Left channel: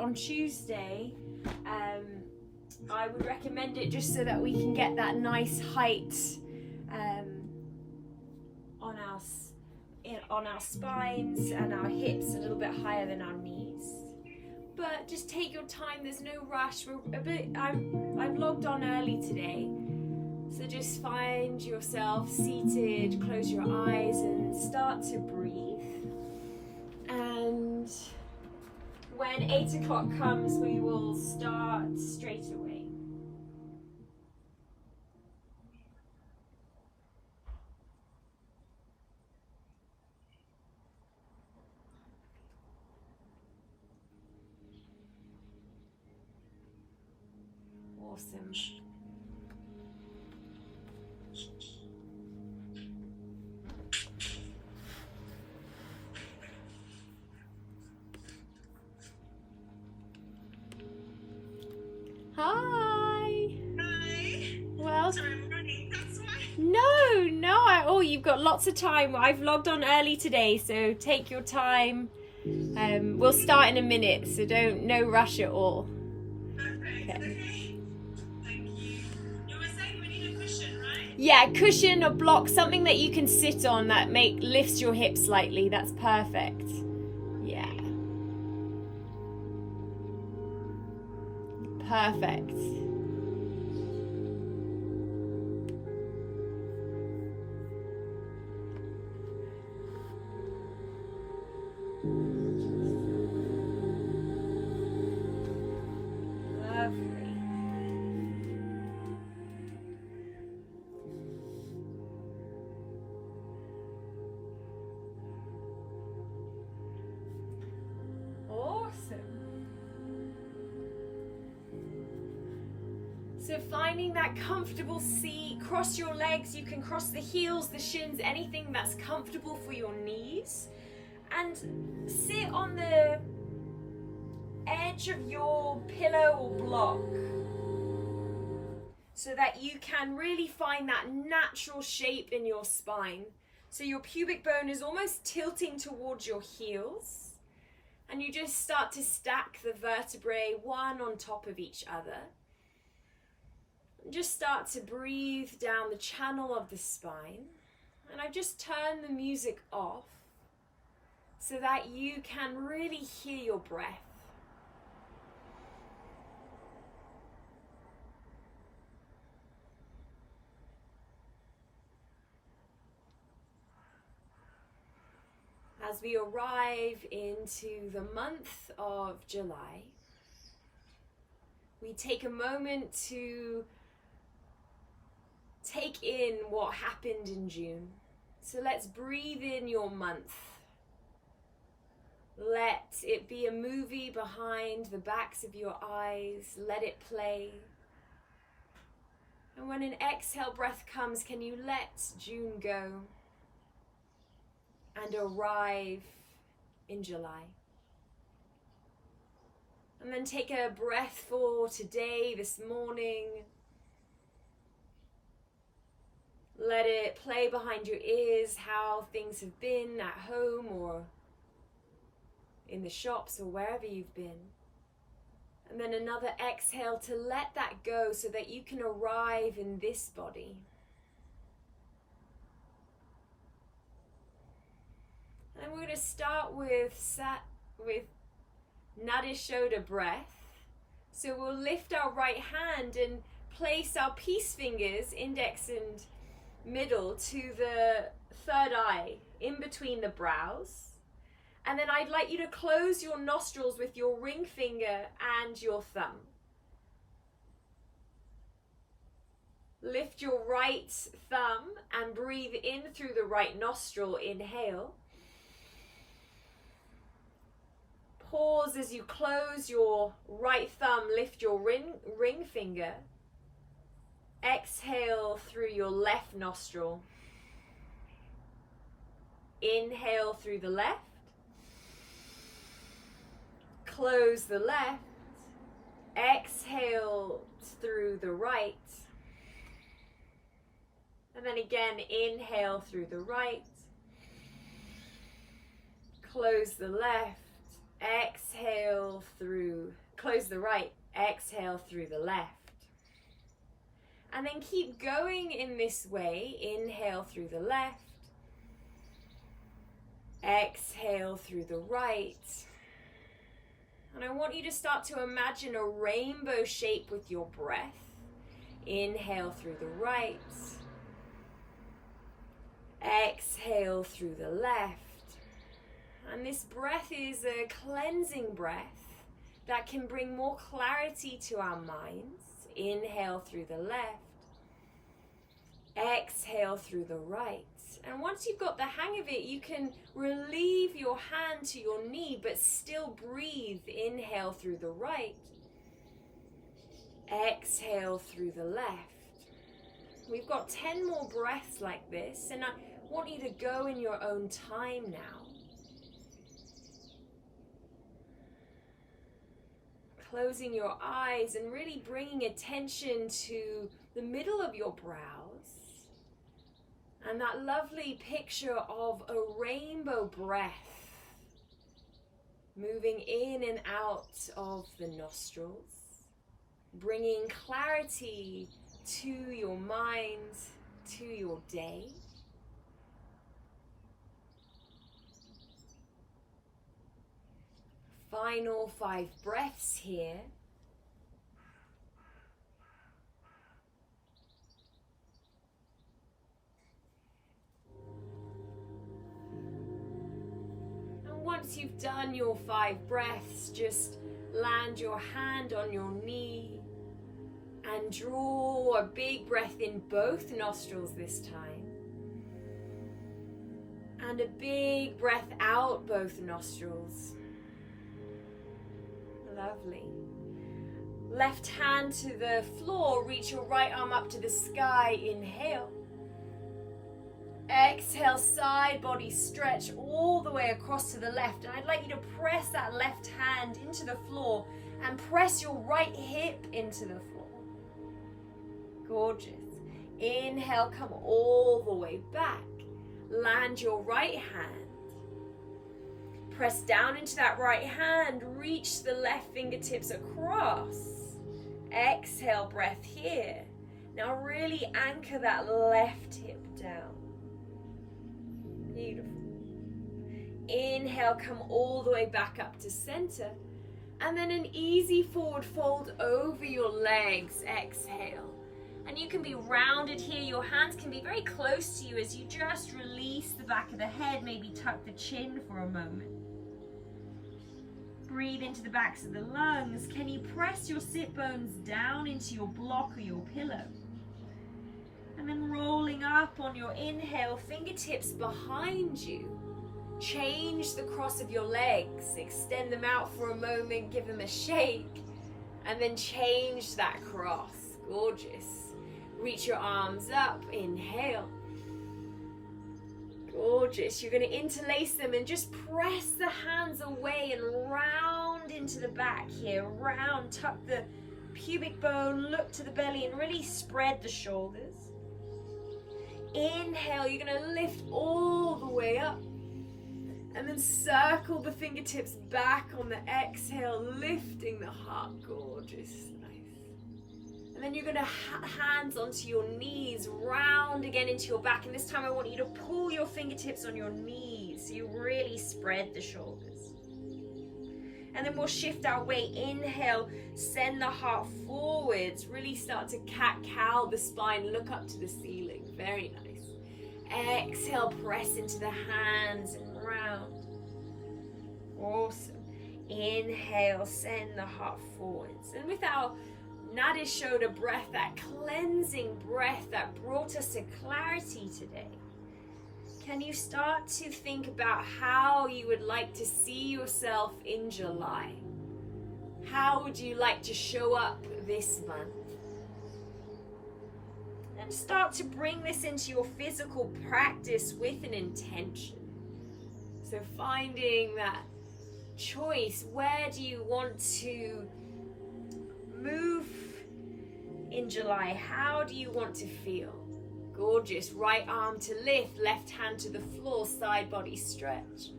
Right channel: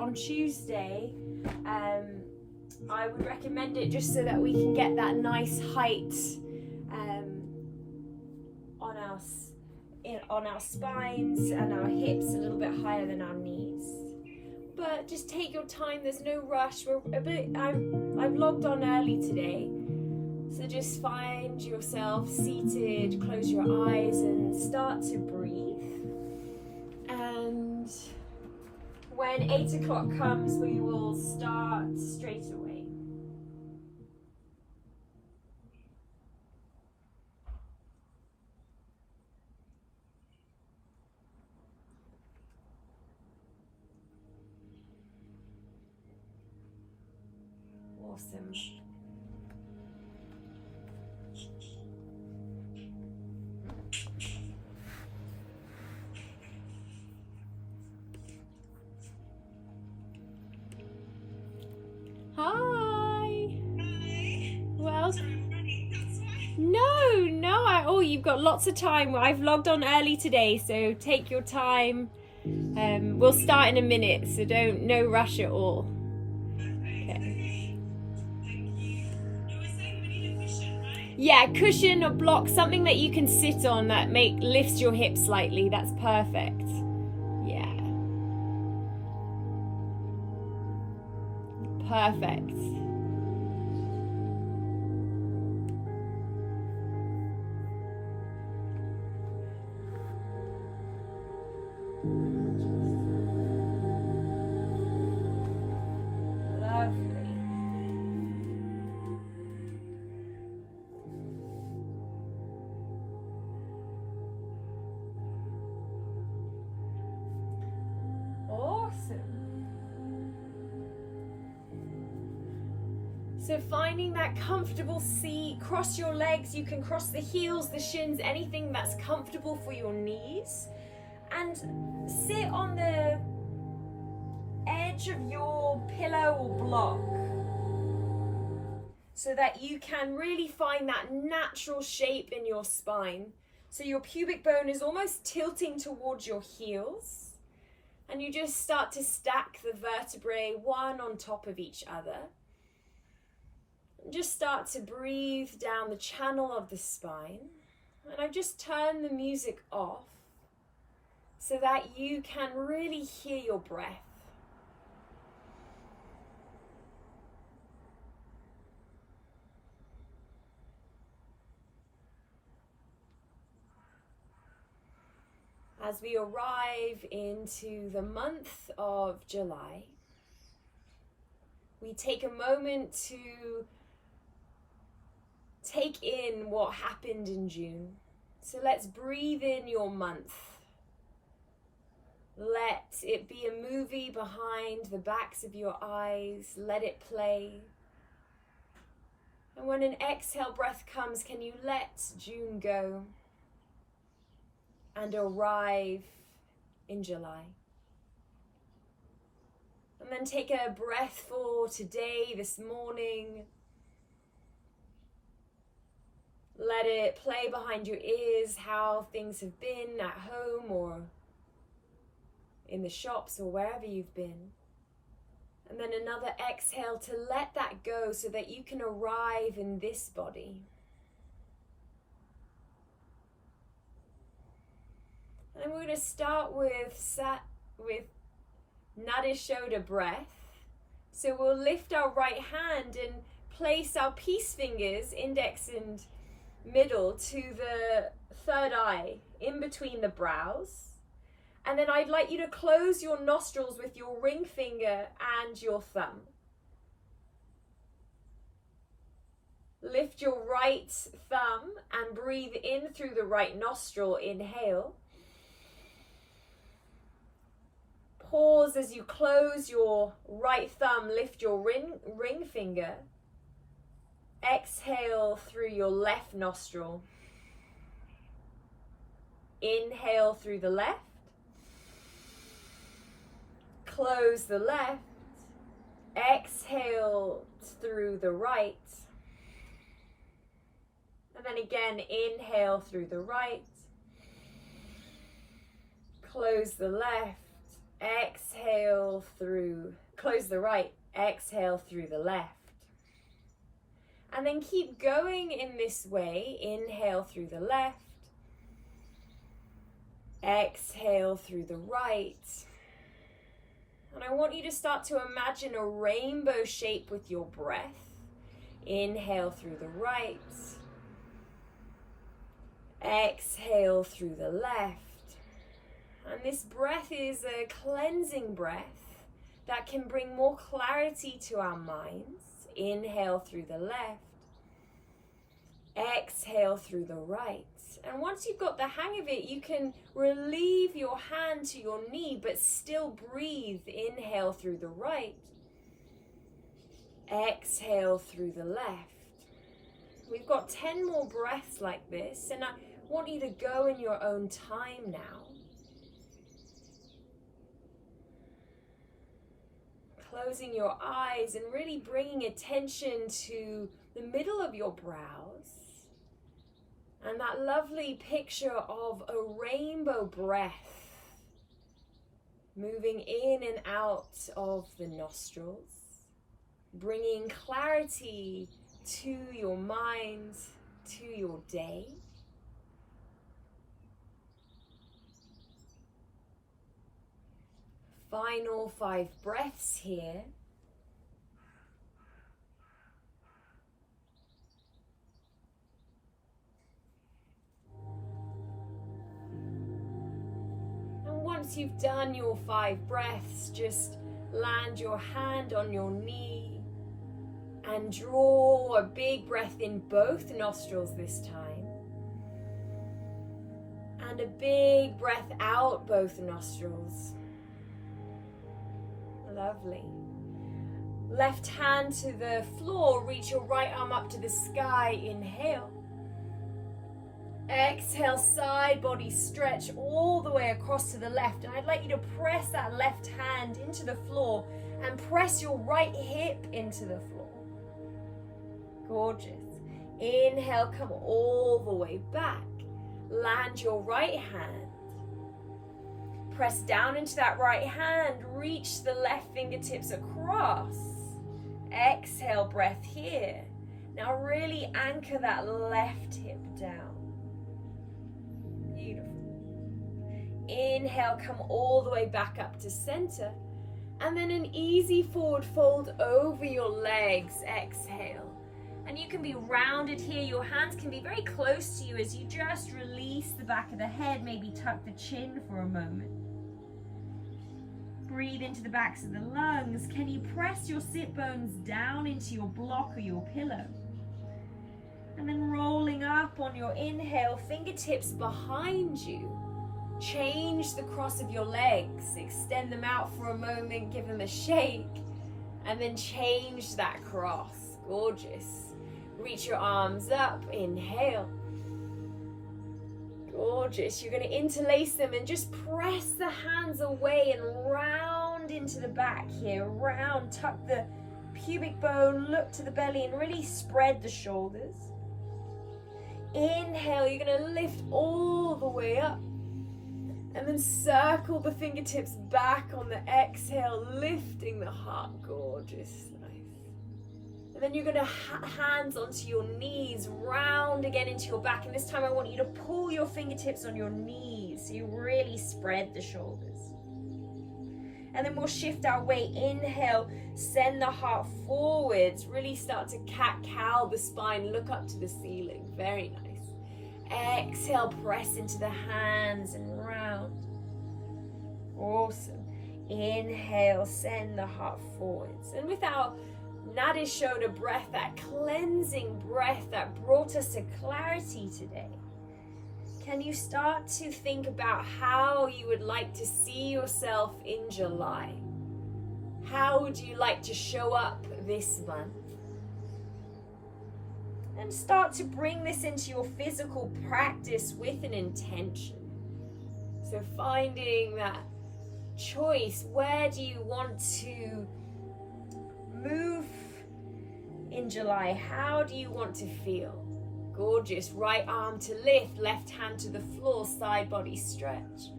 on Tuesday, I would recommend it just so that we can get that nice height on our spines and our hips a little bit higher than our knees. But just take your time, there's no rush. I've logged on early today, so just find yourself seated, close your eyes and start to breathe. And when 8 o'clock comes, we will start straight away. Awesome. Hi. Well, no. You've got lots of time. I've logged on early today, so take your time. We'll start in a minute, so no rush at all. Okay. Yeah, cushion or block, something that you can sit on that lifts your hips slightly. That's perfect. Yeah. Perfect. So finding that comfortable seat, cross your legs, you can cross the heels, the shins, anything that's comfortable for your knees. And sit on the edge of your pillow or block so that you can really find that natural shape in your spine. So your pubic bone is almost tilting towards your heels. And you just start to stack the vertebrae one on top of each other. Just start to breathe down the channel of the spine. And I just turn the music off so that you can really hear your breath. As we arrive into the month of July, we take a moment to take in what happened in June. So let's breathe in your month. Let it be a movie behind the backs of your eyes. Let it play. And when an exhale breath comes, can you let June go and arrive in July? And then take a breath for today, this morning. Let it play behind your ears how things have been at home or in the shops or wherever you've been. And then another exhale to let that go so that you can arrive in this body. And we're going to start with Nadi Shodha breath. So we'll lift our right hand and place our peace fingers, index and middle, to the third eye, in between the brows. And then I'd like you to close your nostrils with your ring finger and your thumb. Lift your right thumb and breathe in through the right nostril, inhale. Pause as you close your right thumb, lift your ring finger. Exhale through your left nostril. Inhale through the left. Close the left. Exhale through the right. And then again, inhale through the right. Close the left. Exhale exhale through, close the right, exhale through the left. And then keep going in this way. Inhale through the left. Exhale through the right. And I want you to start to imagine a rainbow shape with your breath. Inhale through the right. Exhale through the left. And this breath is a cleansing breath that can bring more clarity to our minds. Inhale through the left. Exhale through the right. And once you've got the hang of it, you can relieve your hand to your knee, but still breathe. Inhale through the right. Exhale through the left. We've got 10 more breaths like this, and I want you to go in your own time now. Closing your eyes and really bringing attention to the middle of your brows and that lovely picture of a rainbow breath moving in and out of the nostrils, bringing clarity to your mind, to your day. Final 5 breaths here. And once you've done your 5 breaths, just land your hand on your knee and draw a big breath in both nostrils this time. And a big breath out both nostrils. Lovely. Left hand to the floor, reach your right arm up to the sky, inhale. Exhale, side body stretch all the way across to the left. And I'd like you to press that left hand into the floor and press your right hip into the floor. Gorgeous. Inhale, come all the way back. Land your right hand. Press down into that right hand, reach the left fingertips across. Exhale, breath here. Now really anchor that left hip down. Beautiful. Inhale, come all the way back up to center. And then an easy forward fold over your legs. Exhale. And you can be rounded here. Your hands can be very close to you as you just release the back of the head, maybe tuck the chin for a moment. Breathe into the backs of the lungs. Can you press your sit bones down into your block or your pillow? And then rolling up on your inhale, fingertips behind you. Change the cross of your legs. Extend them out for a moment, give them a shake, and then change that cross. Gorgeous. Reach your arms up, inhale. Gorgeous. You're going to interlace them and just press the hands away and round into the back here. Round, tuck the pubic bone, look to the belly and really spread the shoulders. Inhale, you're going to lift all the way up. And then circle the fingertips back on the exhale, lifting the heart. Gorgeous. And then you're going to hands onto your knees, round again into your back. And this time I want you to pull your fingertips on your knees so you really spread the shoulders. And then we'll shift our weight. Inhale, send the heart forwards. Really start to cat-cow the spine, look up to the ceiling. Very nice. Exhale, press into the hands and round. Awesome. Inhale, send the heart forwards. And with our Nadi Shodha breath, that cleansing breath that brought us to clarity today, can you start to think about how you would like to see yourself in July? How would you like to show up this month? And start to bring this into your physical practice with an intention. So finding that choice, where do you want to move in July? How do you want to feel? Gorgeous. Right arm to lift, left hand to the floor, side body stretch.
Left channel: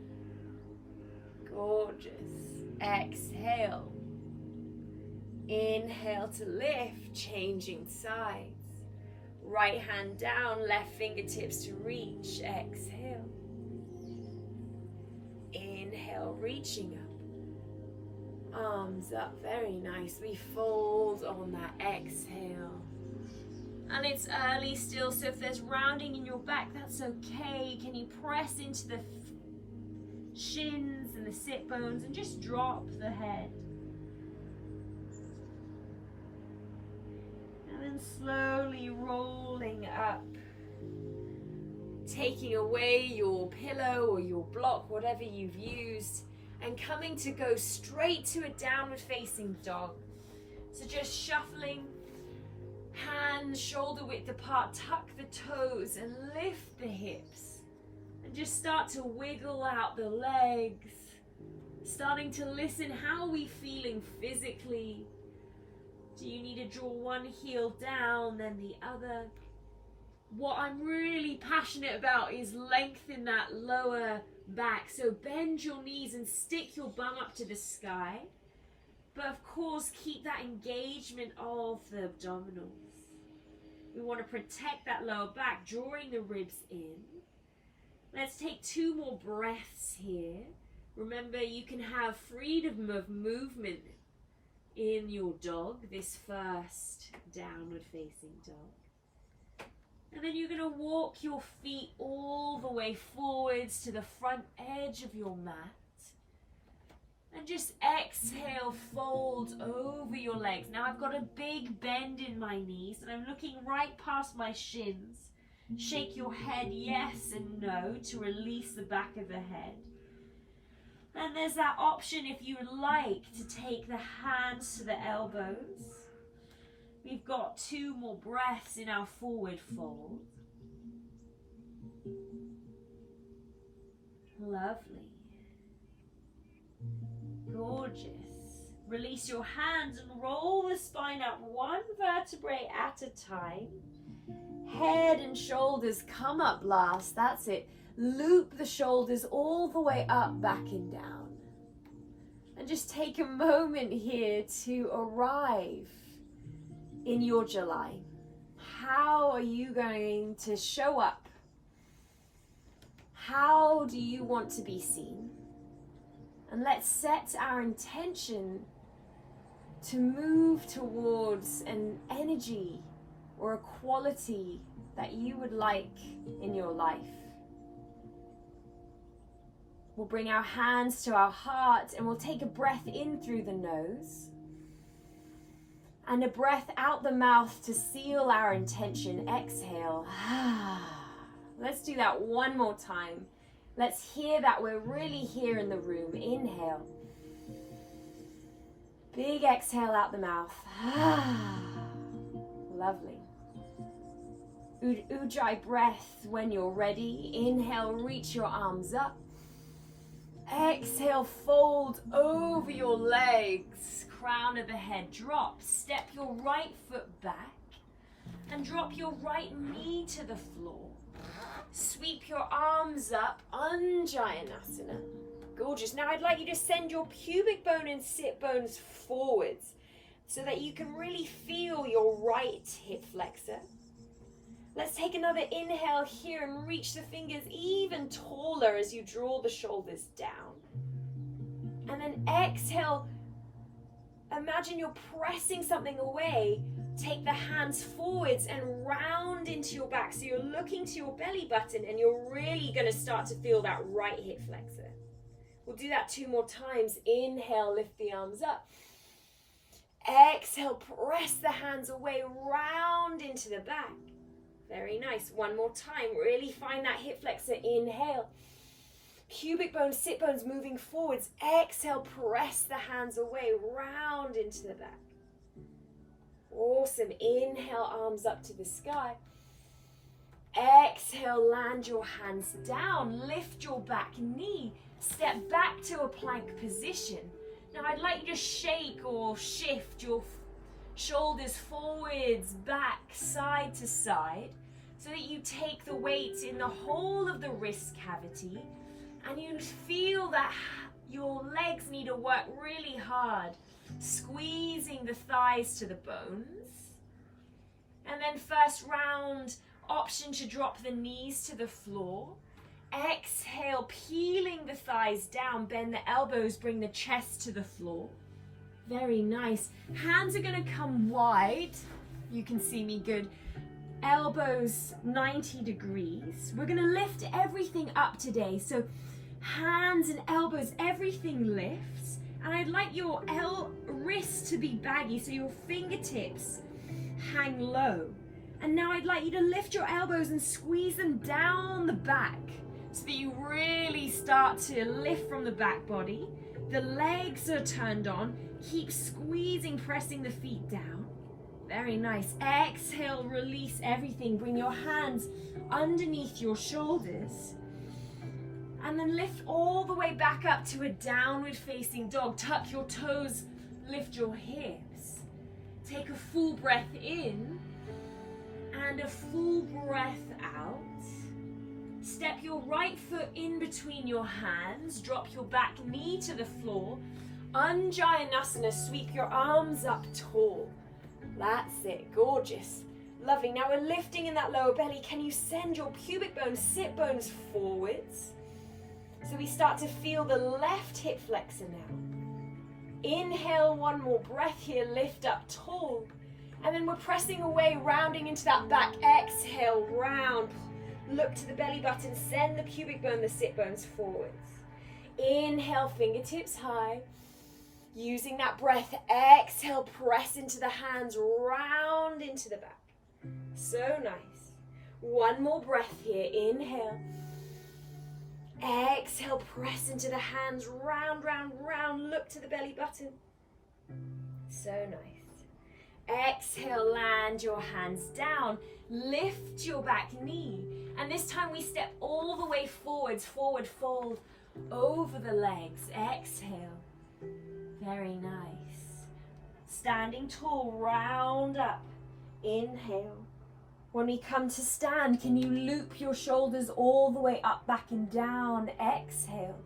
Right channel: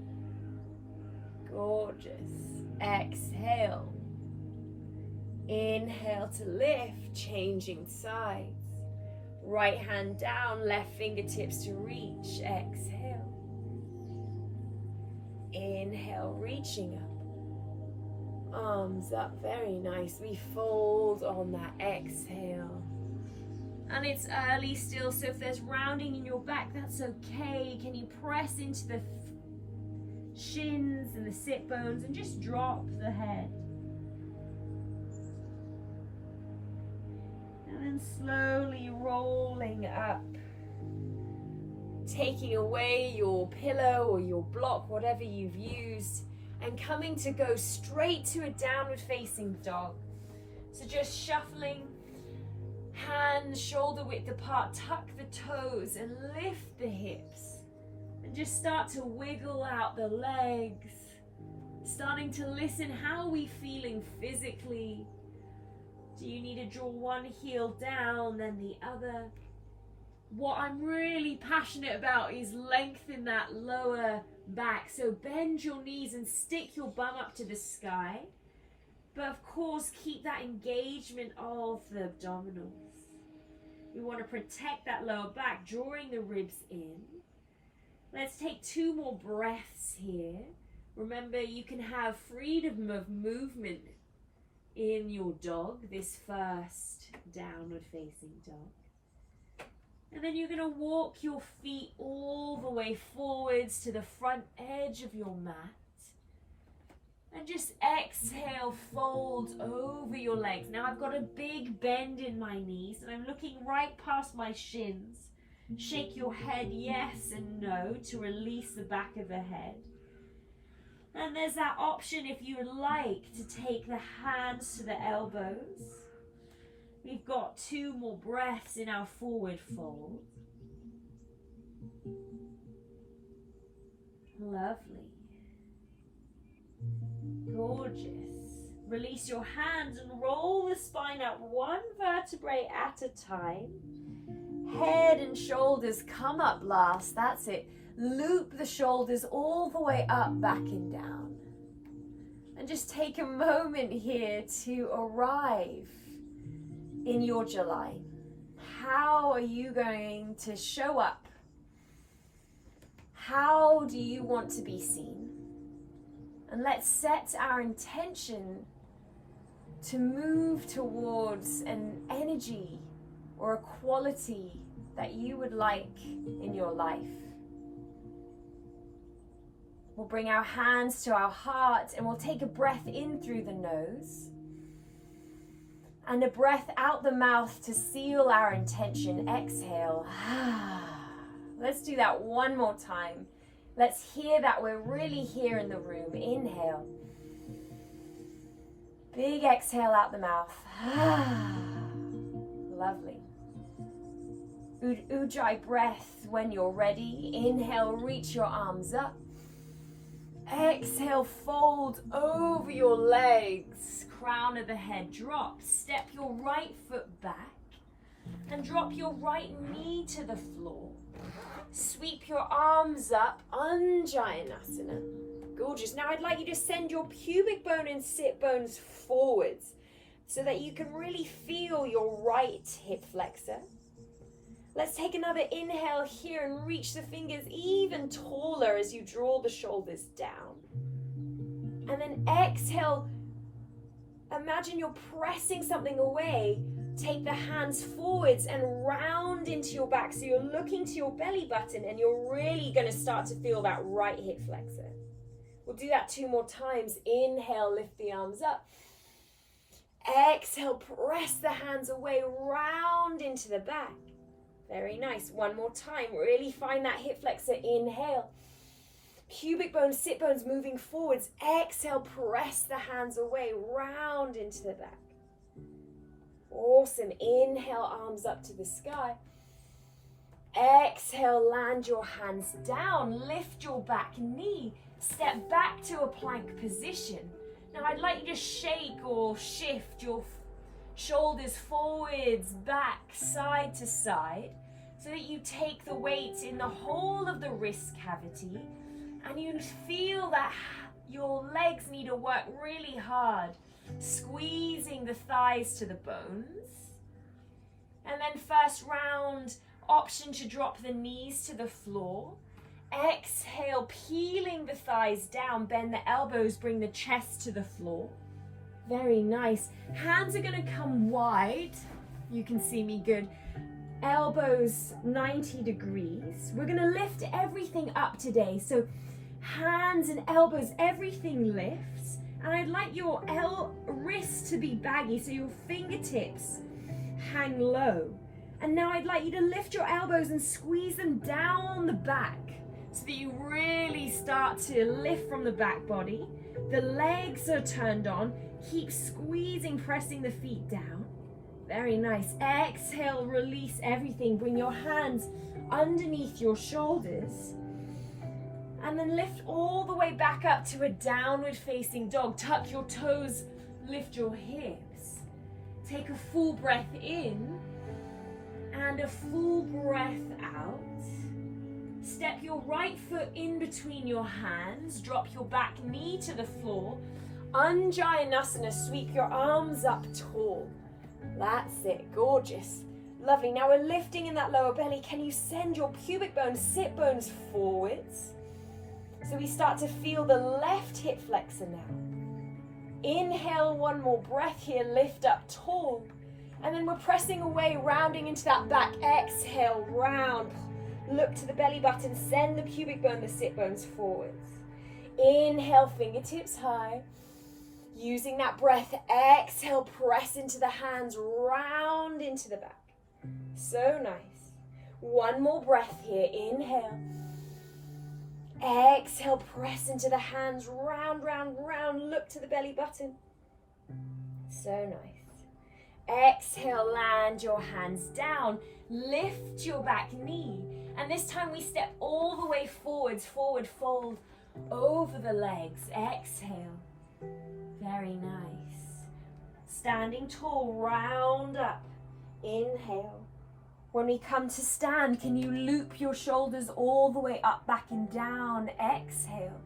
Gorgeous. Exhale. Inhale to lift, changing sides. Right hand down, left fingertips to reach. Exhale. Inhale, reaching up. Arms up, very nice. We fold on that exhale. And it's early still, so if there's rounding in your back, that's okay. Can you press into the shins and the sit bones and just drop the head? And then slowly rolling up, taking away your pillow or your block, whatever you've used, and coming to go straight to a downward facing dog. So just shuffling, hands shoulder width apart, tuck the toes and lift the hips. And just start to wiggle out the legs. Starting to listen, how are we feeling physically? Do you need to draw one heel down, then the other? What I'm really passionate about is lengthen that lower back. So bend your knees and stick your bum up to the sky. But of course, keep that engagement of the abdominals. We want to protect that lower back, drawing the ribs in. Let's take 2 more breaths here. Remember, you can have freedom of movement in your dog, this first downward facing dog. And then you're going to walk your feet all the way forwards to the front edge of your mat. And just exhale, fold over your legs. Now I've got a big bend in my knees and I'm looking right past my shins. Shake your head yes and no to release the back of the head. And there's that option if you would like to take the hands to the elbows. We've got 2 more breaths in our forward fold. Lovely. Gorgeous. Release your hands and roll the spine out 1 vertebrae at a time. Head and shoulders come up last. That's it. Loop the shoulders all the way up, back and down. And just take a moment here to arrive in your July. How are you going to show up? How do you want to be seen? And let's set our intention to move towards an energy or a quality that you would like in your life. We'll bring our hands to our heart and we'll take a breath in through the nose and a breath out the mouth to seal our intention. Exhale. Let's do that 1 more time. Let's hear that we're really here in the room. Inhale. Big exhale out the mouth. Lovely. Ujjayi breath when you're ready. Inhale, reach your arms up. Exhale, fold over your legs. Crown of the head drop. Step your right foot back and drop your right knee to the floor. Sweep your arms up, Anjayanasana. Gorgeous. Now I'd like you to send your pubic bone and sit bones forwards so that you can really feel your right hip flexor. Let's take another inhale here and reach the fingers even taller as you draw the shoulders down. And then exhale, imagine you're pressing something away. Take the hands forwards and round into your back. So you're looking to your belly button and you're really going to start to feel that right hip flexor. We'll do that 2 more times. Inhale, lift the arms up. Exhale, press the hands away, round into the back. Very nice. 1 more time. Really find that hip flexor. Inhale. Pubic bones, sit bones moving forwards. Exhale, press the hands away, round into the back. Awesome. Inhale, arms up to the sky. Exhale, land your hands down. Lift your back knee. Step back to a plank position. Now I'd like you to shake or shift your shoulders forwards, back, side to side, so that you take the weight in the whole of the wrist cavity and you feel that your legs need to work really hard, squeezing the thighs to the bones. And then first round, option to drop the knees to the floor. Exhale, peeling the thighs down, bend the elbows, bring the chest to the floor. Very nice. Hands are going to come wide. You can see me good. Elbows 90 degrees. We're going to lift everything up today. So hands and elbows, everything lifts. And I'd like your wrists to be baggy, so your fingertips hang low. And now I'd like you to lift your elbows and squeeze them down the back so that you really start to lift from the back body. The legs are turned on. Keep squeezing, pressing the feet down. Very nice. Exhale, release everything. Bring your hands underneath your shoulders. And then lift all the way back up to a downward facing dog. Tuck your toes, lift your hips. Take a full breath in and a full breath out. Step your right foot in between your hands. Drop your back knee to the floor. Anjayanasana, sweep your arms up tall. That's it, gorgeous. Lovely. Now we're lifting in that lower belly. Can you send your pubic bones, sit bones forwards? So we start to feel the left hip flexor now. Inhale, one more breath here, lift up tall. And then we're pressing away, rounding into that back. Exhale, round. Look to the belly button, send the pubic bone, the sit bones forwards. Inhale, fingertips high. Using that breath, exhale, press into the hands, round into the back. So nice. One more breath here, inhale. Exhale, press into the hands, round, round, round, look to the belly button. So nice. Exhale, land your hands down, lift your back knee. And this time we step all the way forwards, forward fold over the legs. Exhale. Very nice. Standing tall, round up. Inhale. When we come to stand, can you loop your shoulders all the way up, back and down? Exhale.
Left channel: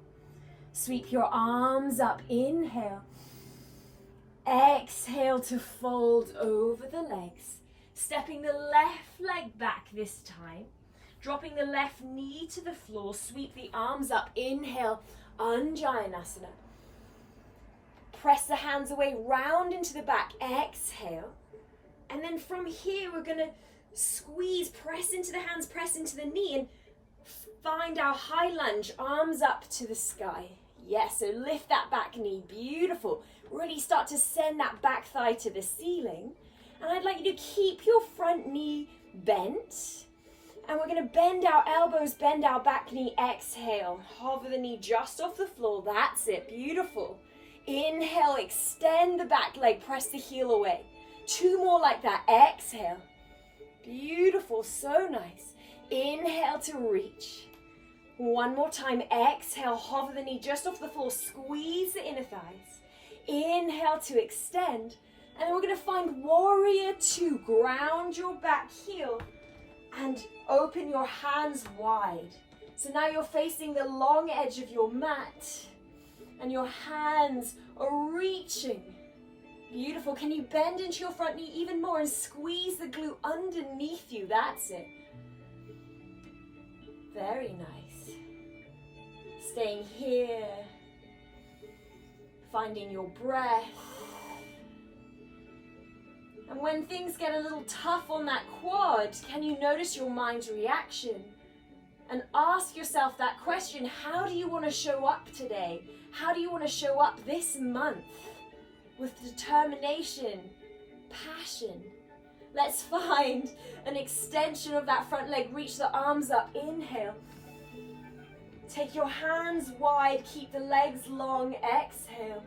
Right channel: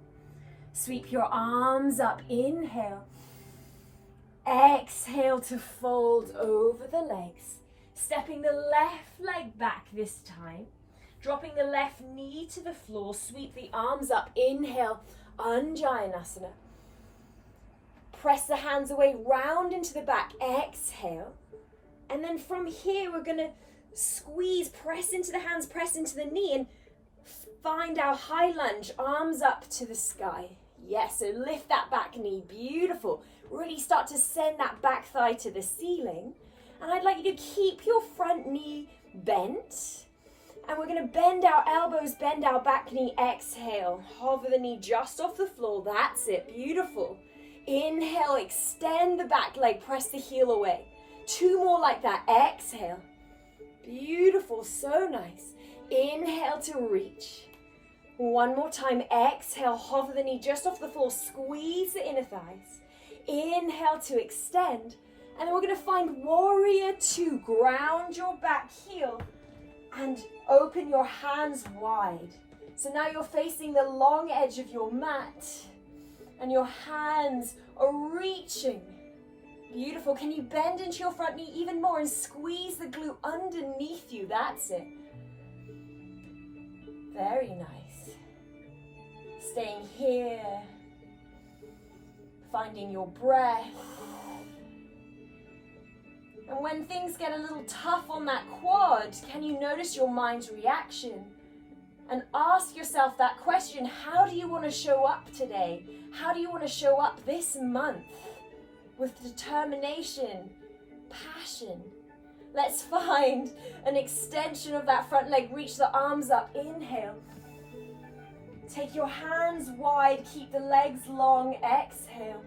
Sweep your arms up. Inhale. Exhale to fold over the legs. Stepping the left leg back this time. Dropping the left knee to the floor. Sweep the arms up. Inhale. Anjayanasana. Press the hands away, round into the back. Exhale. And then from here, we're going to squeeze, press into the hands, press into the knee, and find our high lunge, arms up to the sky. Yes, so lift that back knee. Beautiful. Really start to send that back thigh to the ceiling. And I'd like you to keep your front knee bent. And we're going to bend our elbows, bend our back knee. Exhale. Hover the knee just off the floor. That's it. Beautiful. Inhale, extend the back leg, press the heel away. Two more like that. Exhale. Beautiful, so nice. Inhale to reach. One more time. Exhale, hover the knee just off the floor, squeeze the inner thighs. Inhale to extend. And then we're going to find warrior two. Ground your back heel and open your hands wide. So now you're facing the long edge of your mat. And your hands are reaching. Beautiful. Can you bend into your front knee even more and squeeze the glute underneath you? That's it. Very nice. Staying here. Finding your breath. And when things get a little tough on that quad, can you notice your mind's reaction? And ask yourself that question, how do you want to show up today? How do you want to show up this month? With determination, passion. Let's find an extension of that front leg. Reach the arms up. Inhale. Take your hands wide. Keep the legs long. Exhale.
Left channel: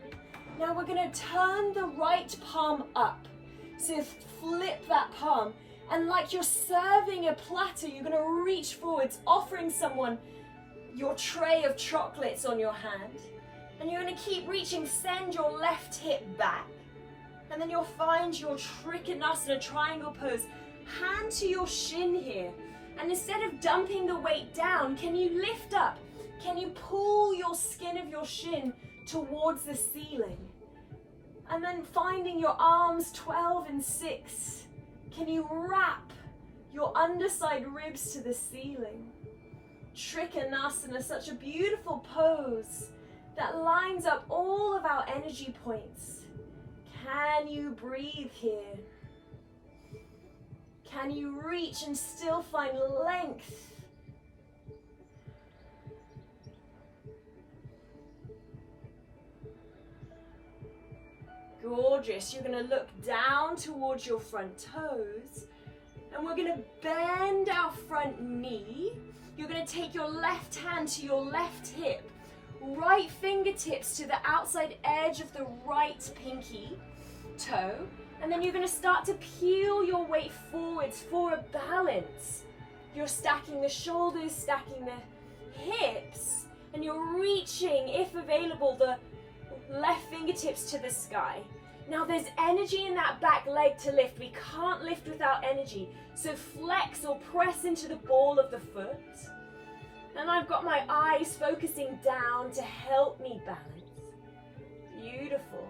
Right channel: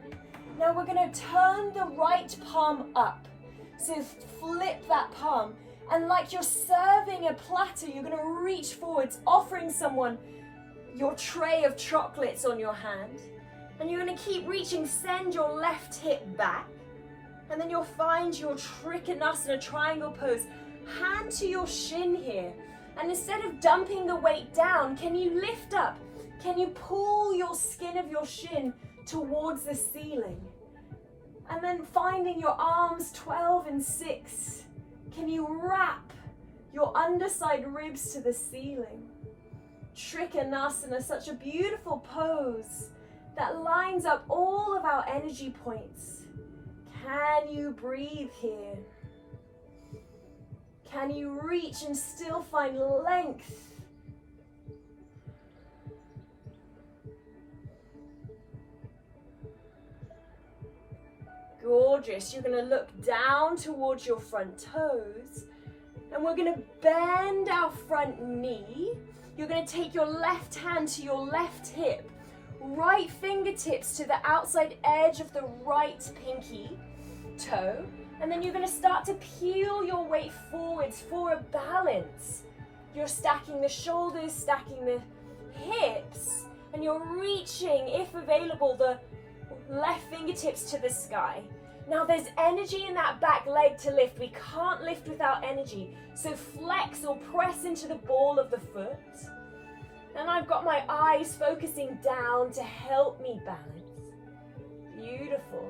Now we're going to turn the right palm up. So flip that palm. And like you're serving a platter, you're going to reach forwards, offering someone your tray of chocolates on your hand. And you're going to keep reaching, send your left hip back. And then you'll find your Trikonasana triangle pose. Hand to your shin here. And instead of dumping the weight down, can you lift up? Can you pull your skin of your shin towards the ceiling? And then finding your arms 12 and 6. Can you wrap your underside ribs to the ceiling? Trikonasana, such a beautiful pose that lines up all of our energy points. Can you breathe here? Can you reach and still find length? Gorgeous. You're going to look down towards your front toes, and we're going to bend our front knee. You're going to take your left hand to your left hip, right fingertips to the outside edge of the right pinky toe, and then you're going to start to peel your weight forwards for a balance. You're stacking the shoulders, stacking the hips, and you're reaching, if available, the left fingertips to the sky. Now there's energy in that back leg to lift. We can't lift without energy. So flex or press into the ball of the foot. And I've got my eyes focusing down to help me balance. Beautiful.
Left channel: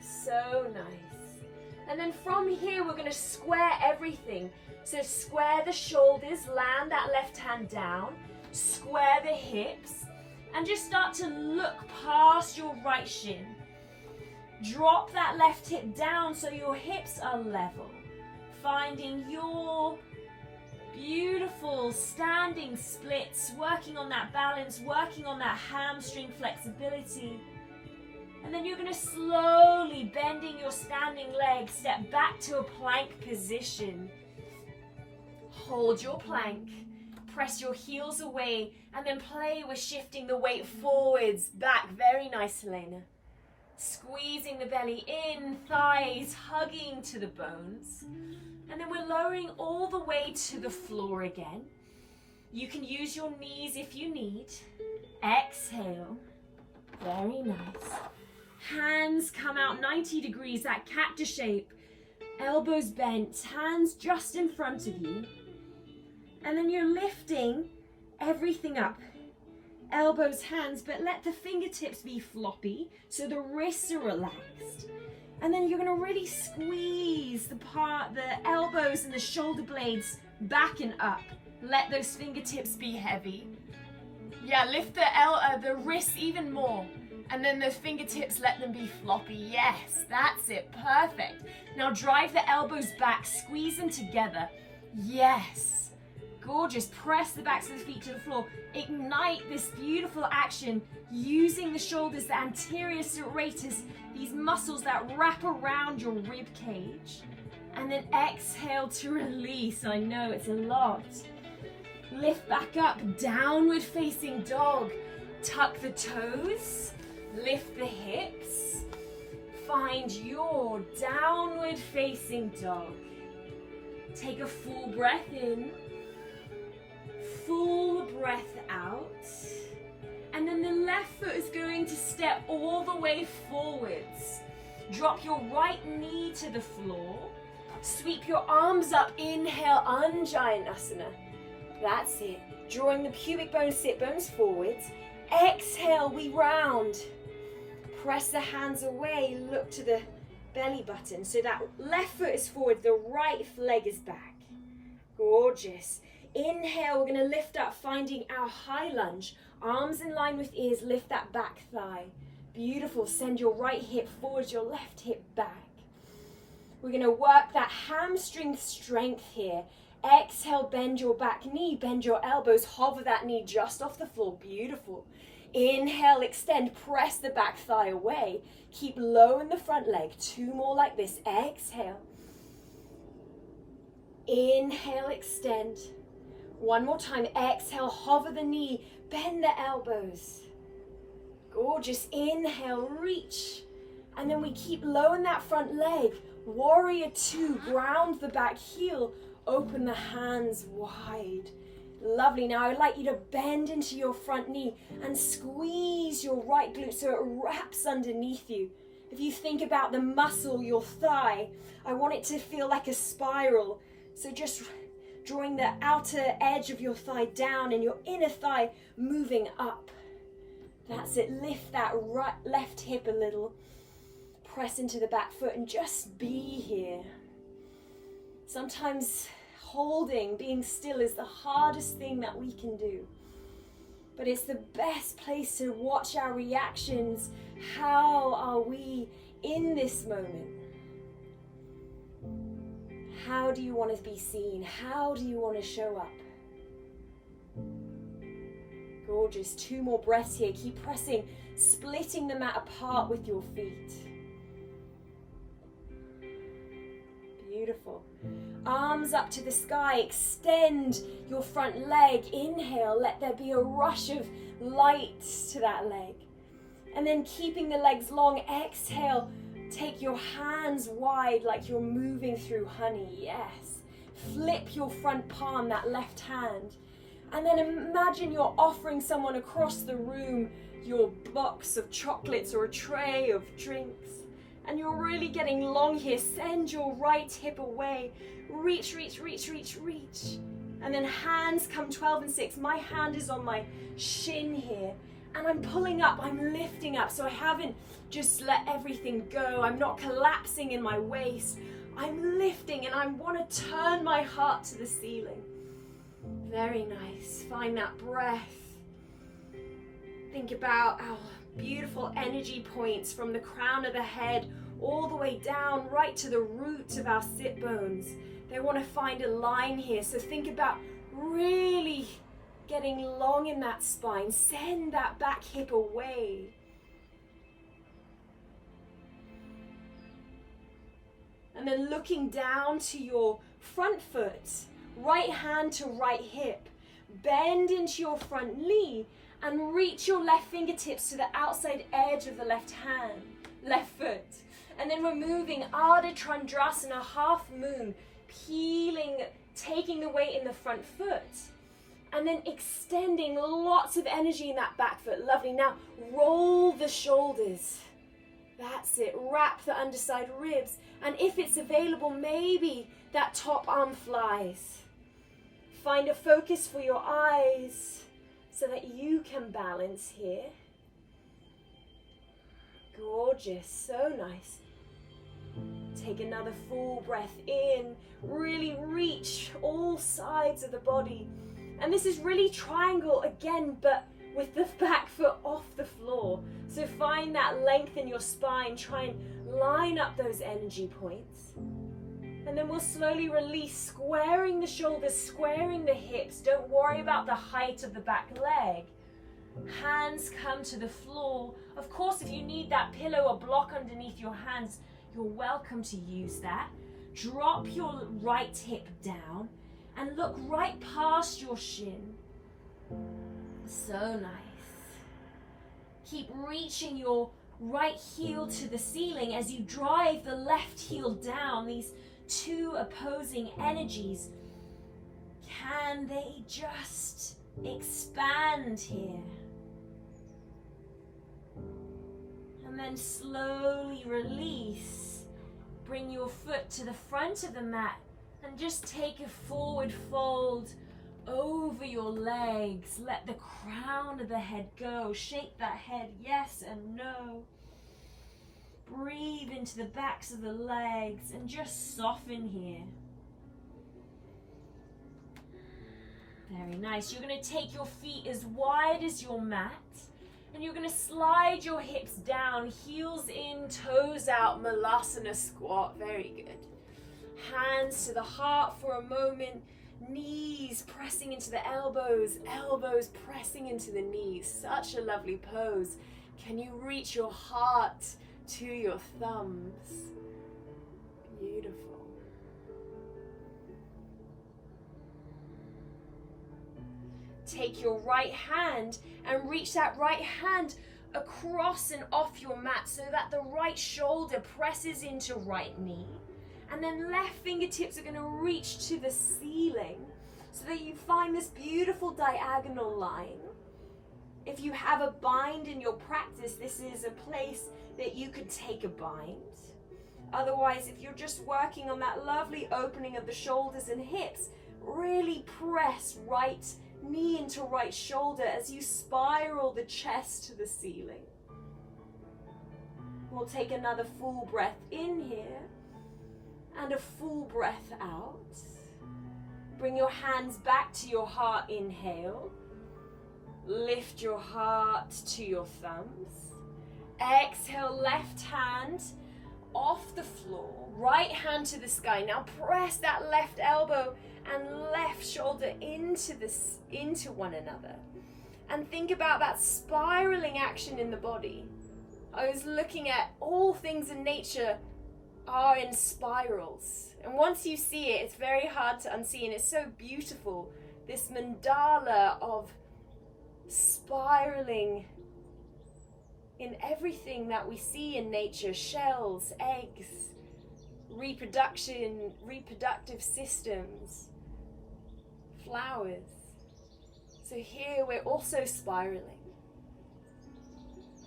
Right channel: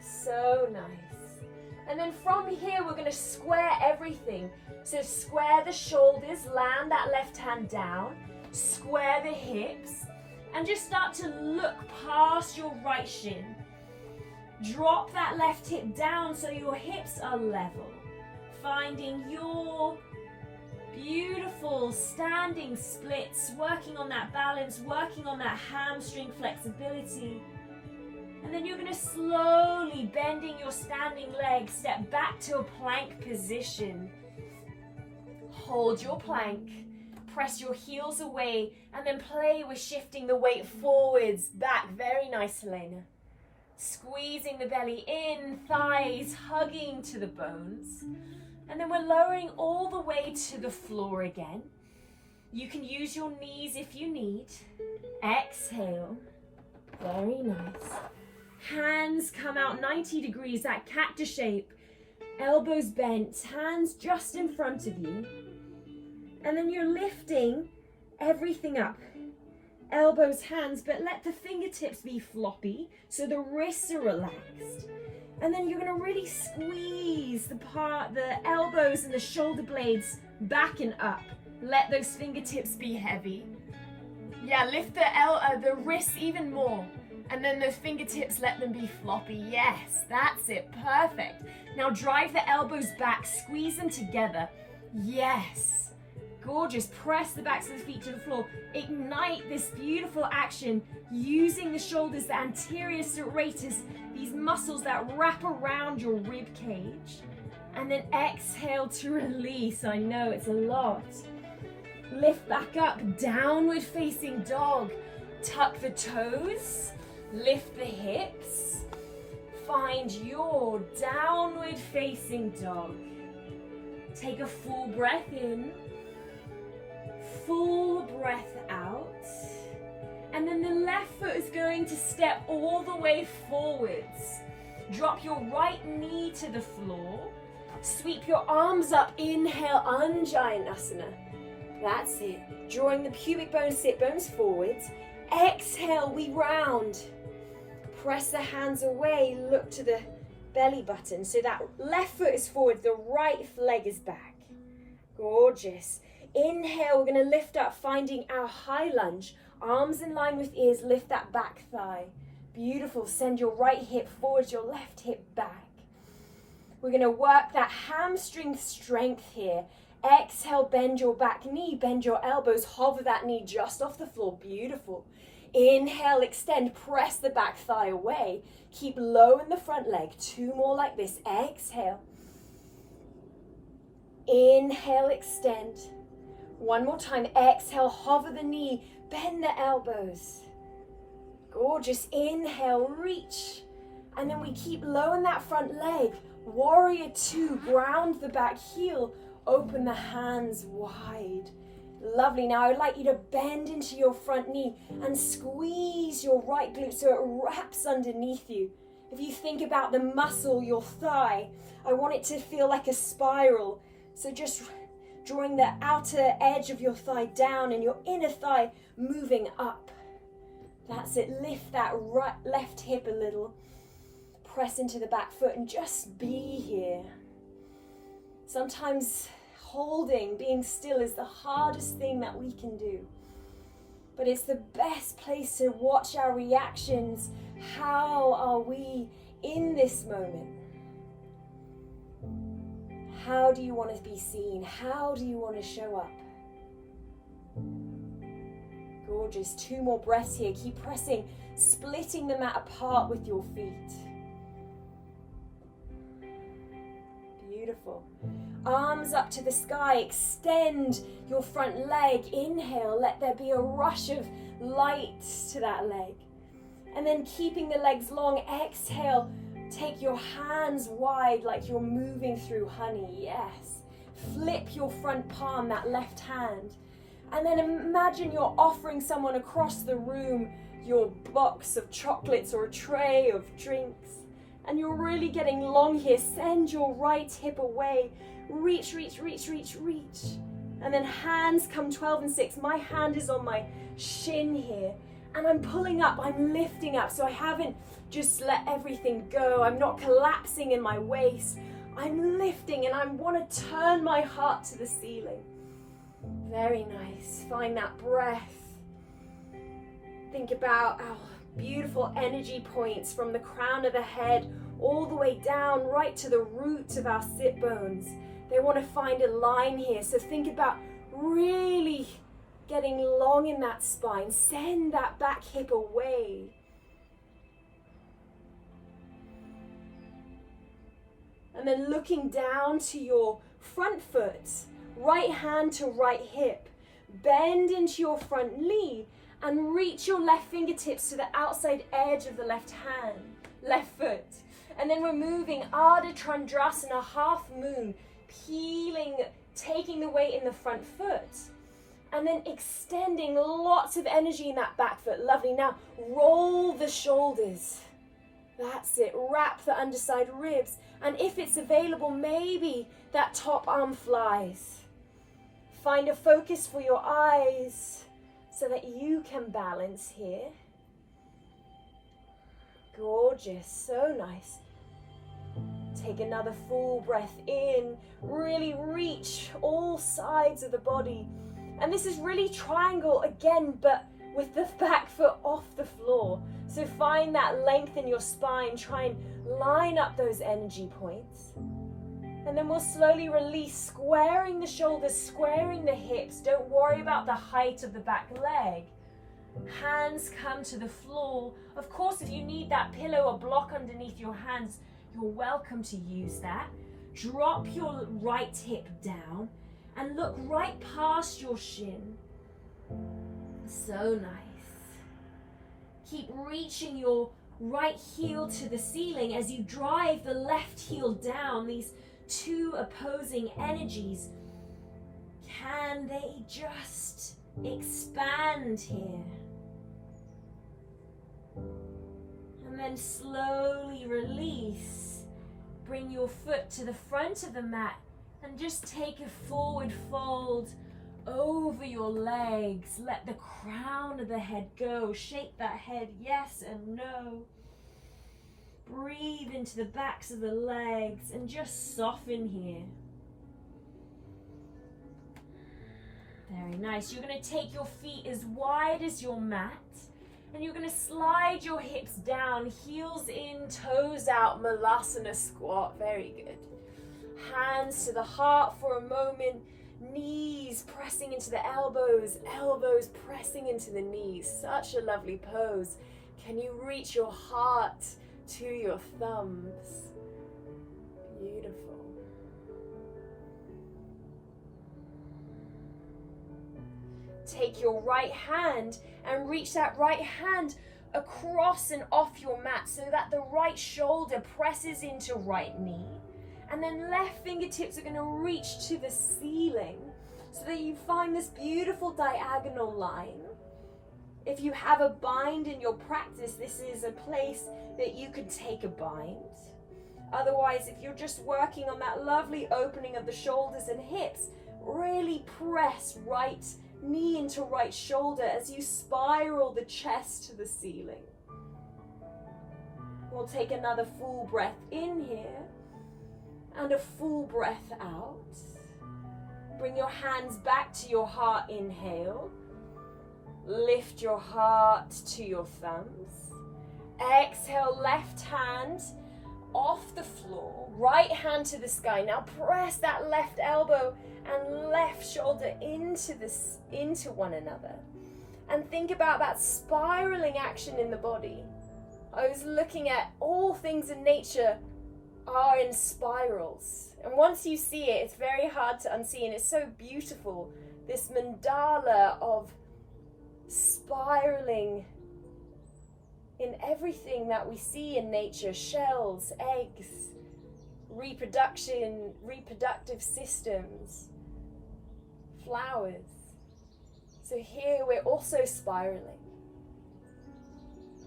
So nice. And then from here, we're going to square everything. So square the shoulders, land that left hand down, square the hips, and just start to look past your right shin. Drop that left hip down so your hips are level. Finding your beautiful standing splits, working on that balance, working on that hamstring flexibility. And then you're going to slowly, bending your standing leg, step back to a plank position. Hold your plank. Press your heels away and then play with shifting the weight forwards, back. Very nice, Helena. Squeezing the belly in, thighs hugging to the bones. And then we're lowering all the way to the floor again. You can use your knees if you need. Exhale. Very nice. Hands come out 90 degrees, that cactus shape. Elbows bent, hands just in front of you. And then you're lifting everything up. Elbows, hands, but let the fingertips be floppy so the wrists are relaxed. And then you're going to really squeeze the elbows and the shoulder blades back and up. Let those fingertips be heavy. Yeah, lift the wrists even more. And then the fingertips, let them be floppy. Yes, that's it. Perfect. Now drive the elbows back, squeeze them together. Yes. Gorgeous. Press the backs of the feet to the floor. Ignite this beautiful action using the shoulders, the anterior serratus, these muscles that wrap around your rib cage. And then exhale to release. I know it's a lot. Lift back up, downward facing dog. Tuck the toes, lift the hips. Find your downward facing dog. Take a full breath in. Full breath out. And then the left foot is going to step all the way forwards. Drop your right knee to the floor. Sweep your arms up. Inhale, Anjaneyasana. That's it. Drawing the pubic bones, sit bones forwards. Exhale, we round. Press the hands away. Look to the belly button. So that left foot is forward, the right leg is back. Gorgeous. Inhale, we're going to lift up, finding our high lunge. Arms in line with ears, lift that back thigh. Beautiful. Send your right hip forward, your left hip back. We're going to work that hamstring strength here. Exhale, bend your back knee, bend your elbows, hover that knee just off the floor. Beautiful. Inhale, extend, press the back thigh away. Keep low in the front leg. 2 more like this. Exhale. Inhale, extend. 1 more time. Exhale, hover the knee, bend the elbows. Gorgeous. Inhale, reach. And then we keep low in that front leg. Warrior 2, ground the back heel. Open the hands wide. Lovely. Now I'd like you to bend into your front knee and squeeze your right glute so it wraps underneath you. If you think about the muscle, your thigh, I want it to feel like a spiral. So just drawing the outer edge of your thigh down and your inner thigh moving up. That's it. Lift that left hip a little. Press into the back foot and just be here. Sometimes holding, being still is the hardest thing that we can do. But it's the best place to watch our reactions. How are we in this moment? How do you want to be seen? How do you want to show up? Gorgeous. 2 more breaths here. Keep pressing, splitting the mat apart with your feet. Beautiful. Arms up to the sky. Extend your front leg. Inhale. Let there be a rush of light to that leg. And then keeping the legs long. Exhale. Take your hands wide like you're moving through honey. Yes. Flip your front palm, that left hand. And then imagine you're offering someone across the room your box of chocolates or a tray of drinks. And you're really getting long here. Send your right hip away. Reach, reach, reach, reach, reach. And then hands come 12 and 6. My hand is on my shin here. And I'm pulling up, I'm lifting up. So I haven't just let everything go. I'm not collapsing in my waist. I'm lifting and I want to turn my heart to the ceiling. Very nice. Find that breath. Think about our beautiful energy points from the crown of the head all the way down right to the root of our sit bones. They want to find a line here. So think about really getting long in that spine. Send that back hip away. And then looking down to your front foot, right hand to right hip. Bend into your front knee and reach your left fingertips to the outside edge of the left foot. And then we're moving Ardha Chandrasana, half moon, peeling, taking the weight in the front foot. And then extending lots of energy in that back foot. Lovely. Now roll the shoulders. That's it. Wrap the underside ribs. And if it's available, maybe that top arm flies. Find a focus for your eyes so that you can balance here. Gorgeous. So nice. Take another full breath in. Really reach all sides of the body. And this is really triangle again, but with the back foot off the floor. So find that length in your spine. Try and line up those energy points. And then we'll slowly release, squaring the shoulders, squaring the hips. Don't worry about the height of the back leg. Hands come to the floor. Of course, if you need that pillow or block underneath your hands, you're welcome to use that. Drop your right hip down and look right past your shin. So nice. Keep reaching your right heel to the ceiling as you drive the left heel down. These 2 opposing energies, can they just expand here? And then slowly release. Bring your foot to the front of the mat and just take a forward fold over your legs. Let the crown of the head go. Shake that head yes and no. Breathe into the backs of the legs and just soften here. Very nice. You're going to take your feet as wide as your mat and you're going to slide your hips down, heels in, toes out, Malasana squat. Very good. Hands to the heart for a moment. Knees pressing into the elbows, elbows pressing into the knees. Such a lovely pose. Can you reach your heart to your thumbs? Beautiful. Take your right hand and reach that right hand across and off your mat so that the right shoulder presses into right knee. And then left fingertips are going to reach to the ceiling so that you find this beautiful diagonal line. If you have a bind in your practice, this is a place that you could take a bind. Otherwise, if you're just working on that lovely opening of the shoulders and hips, Really press right knee into right shoulder as you spiral the chest to the ceiling. We'll take another full breath in here and a full breath out. Bring your hands back to your heart, inhale. Lift your heart to your thumbs. Exhale, left hand off the floor, right hand to the sky. Now press that left elbow and left shoulder into one another. And think about that spiraling action in the body. I was looking at all things in nature are in spirals. And once you see it, it's very hard to unsee, and it's so beautiful. This mandala of spiraling in everything that we see in nature, shells, eggs, reproduction, reproductive systems, flowers. So here we're also spiraling.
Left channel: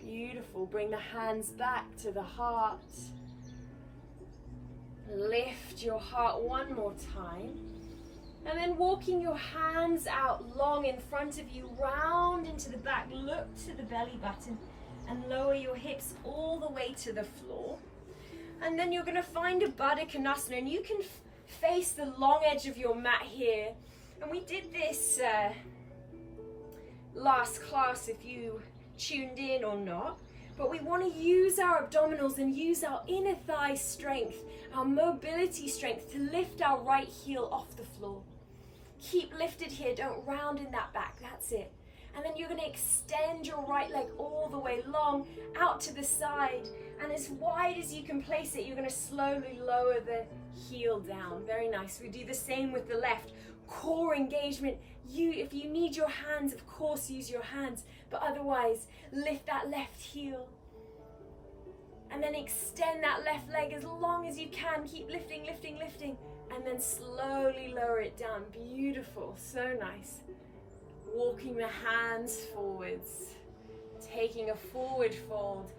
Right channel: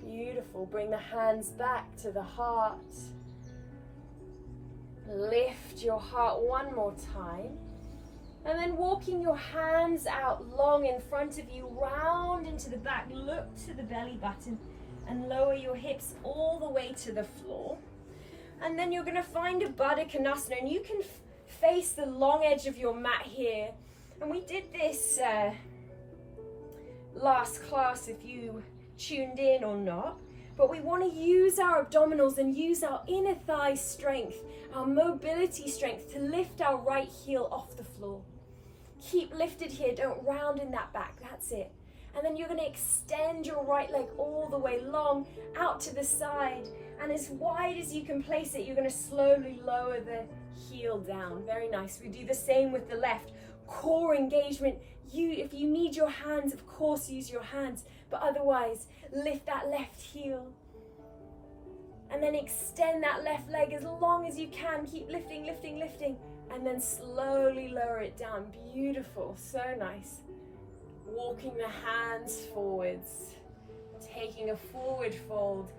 Beautiful. Bring the hands back to the heart. Lift your heart one more time. And then walking your hands out long in front of you, round into the back. Look to the belly button and lower your hips all the way to the floor. And then you're going to find a Baddha Konasana, and you can face the long edge of your mat here. And we did this last class if you tuned in or not. But we want to use our abdominals and use our inner thigh strength, our mobility strength to lift our right heel off the floor. Keep lifted here, don't round in that back, that's it. And then you're going to extend your right leg all the way long out to the side, and as wide as you can place it, you're going to slowly lower the heel down. Very nice. We do the same with the left. Core engagement. If you need your hands, of course use your hands, but otherwise lift that left heel. And then extend that left leg as long as you can. Keep lifting, lifting, lifting, and then slowly lower it down. Beautiful, so nice. Walking the hands forwards, taking a forward fold,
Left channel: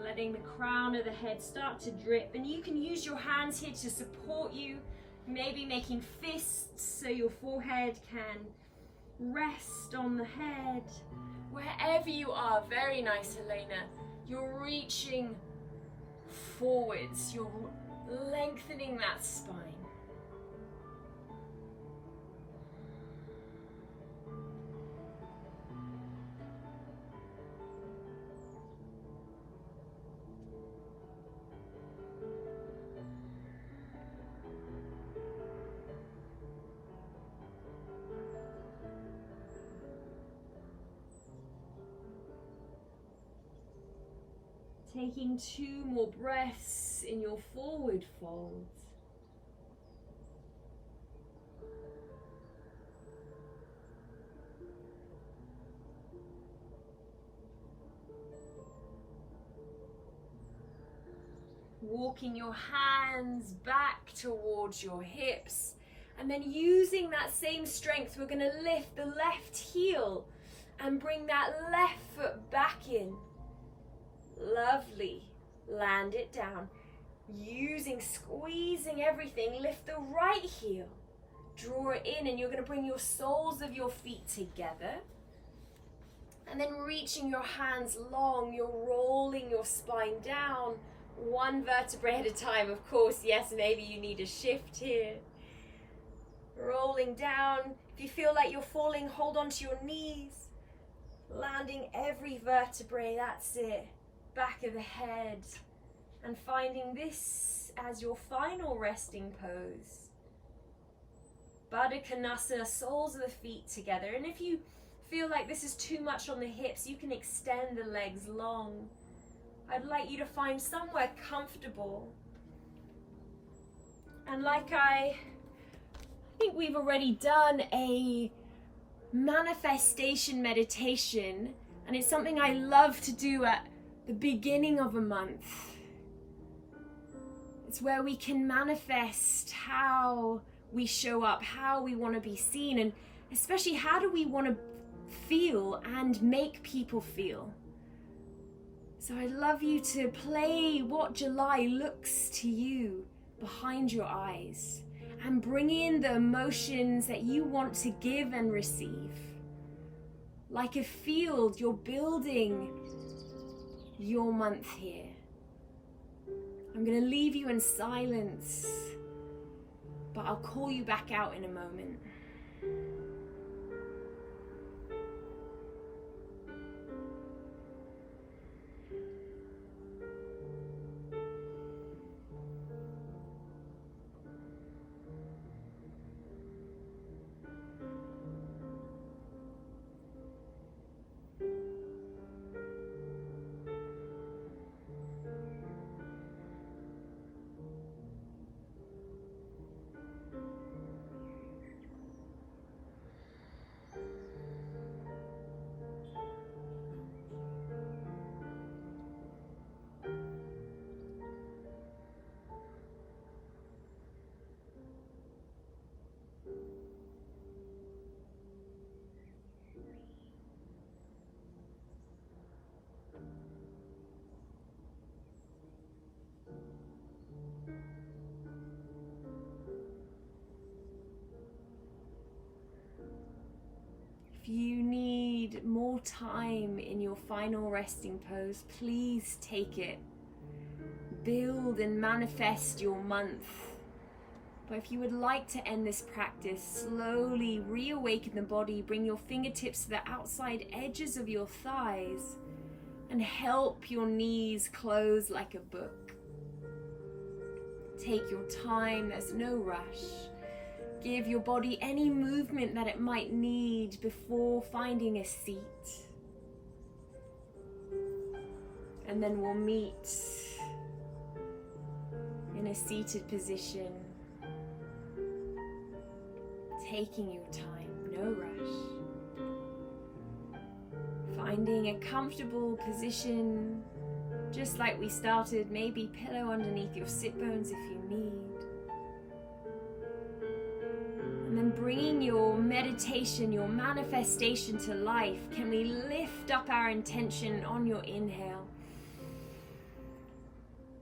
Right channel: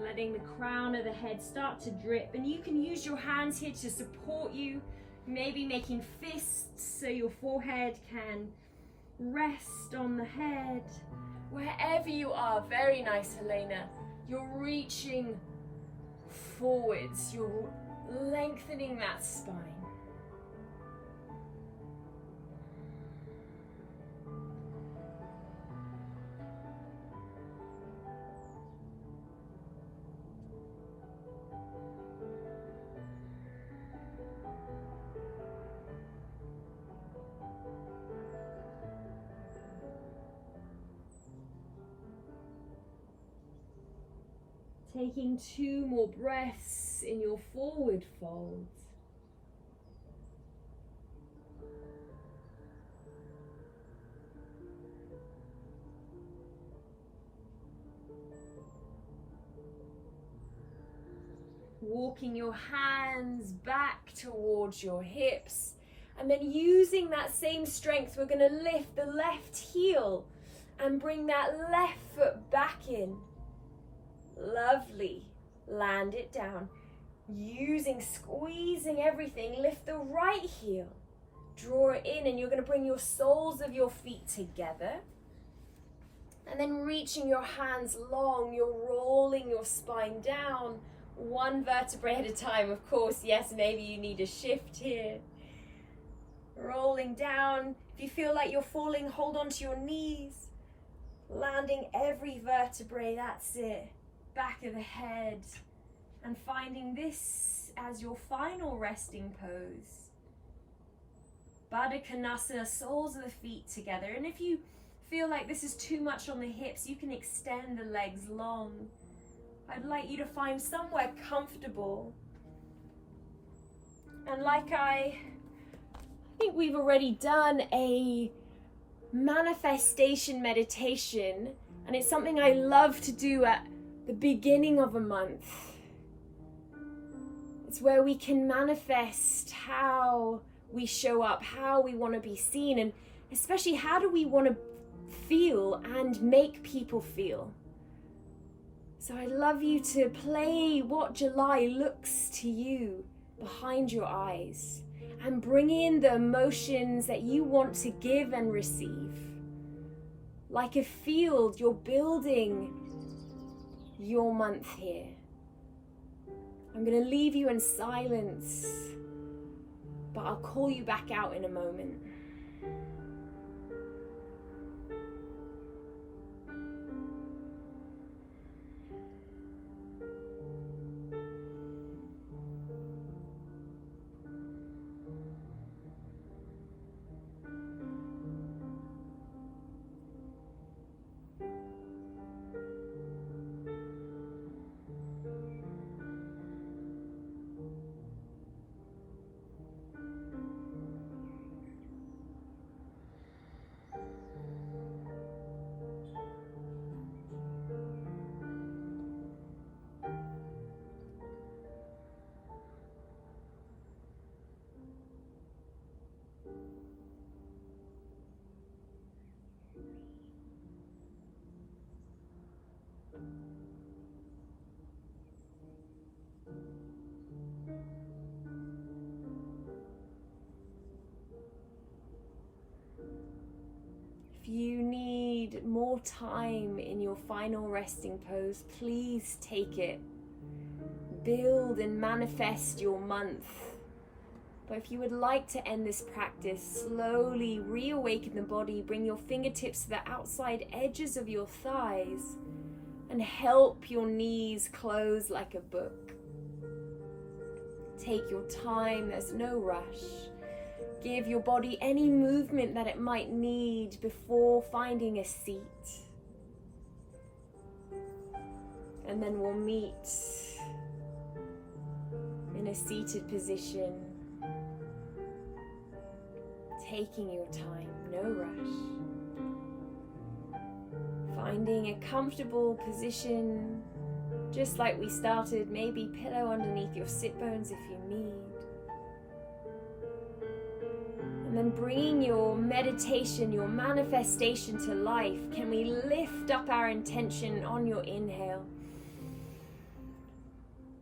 letting the crown of the head start to drip. And you can use your hands here to support you, maybe making fists so your forehead can rest on the head. Wherever you are, very nice, Helena. You're reaching forwards, you're lengthening that spine. Taking 2 more breaths in your forward fold. Walking your hands back towards your hips, and then using that same strength, we're going to lift the left heel and bring that left foot back in. Lovely. Land it down. Squeezing everything, lift the right heel. Draw it in, and you're going to bring your soles of your feet together. And then reaching your hands long, you're rolling your spine down, one vertebrae at a time. Of course, yes, maybe you need a shift here. Rolling down. If you feel like you're falling, hold on to your knees. Landing every vertebrae, that's it. Back of the head, and finding this as your final resting pose. Baddha Konasana, soles of the feet together. And if you feel like this is too much on the hips, you can extend the legs long. I'd like you to find somewhere comfortable. And like I think we've already done a manifestation meditation, and it's something I love to do at the beginning of a month. It's where we can manifest how we show up, how we want to be seen, and especially how do we want to feel and make people feel. So I'd love you to play what July looks to you behind your eyes, and bring in the emotions that you want to give and receive. Like a field, you're building your month here. I'm going to leave you in silence, but I'll call you back out in a moment. If you need more time in your final resting pose, please take it. Build and manifest your month. But if you would like to end this practice, slowly reawaken the body, bring your fingertips to the outside edges of your thighs, and help your knees close like a book. Take your time, there's no rush. Give your body any movement that it might need before finding a seat. And then we'll meet in a seated position, taking your time, no rush. Finding a comfortable position, just like we started, maybe pillow underneath your sit bones if you need. And then bringing your meditation, your manifestation to life, can we lift up our intention on your inhale?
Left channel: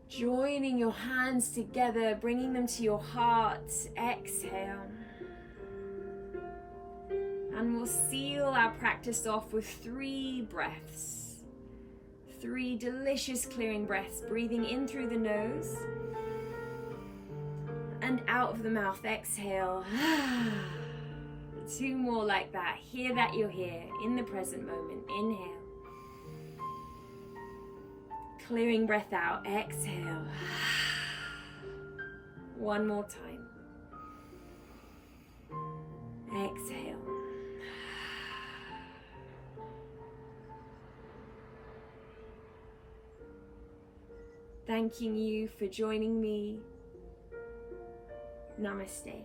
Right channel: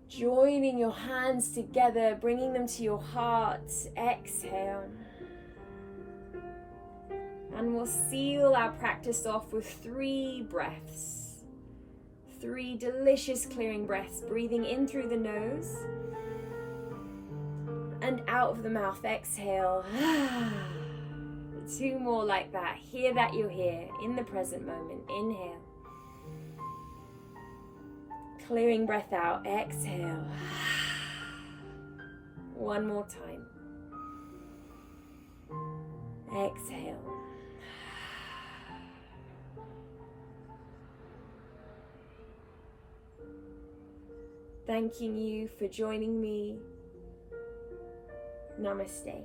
Joining your hands together, bringing them to your heart, exhale. And we'll seal our practice off with 3 breaths. 3 delicious clearing breaths, breathing in through the nose and out of the mouth, exhale. 2 more like that. Hear that you're here in the present moment. Inhale. Clearing breath out, exhale. 1 more time. Exhale. Thanking you for joining me. Namaste.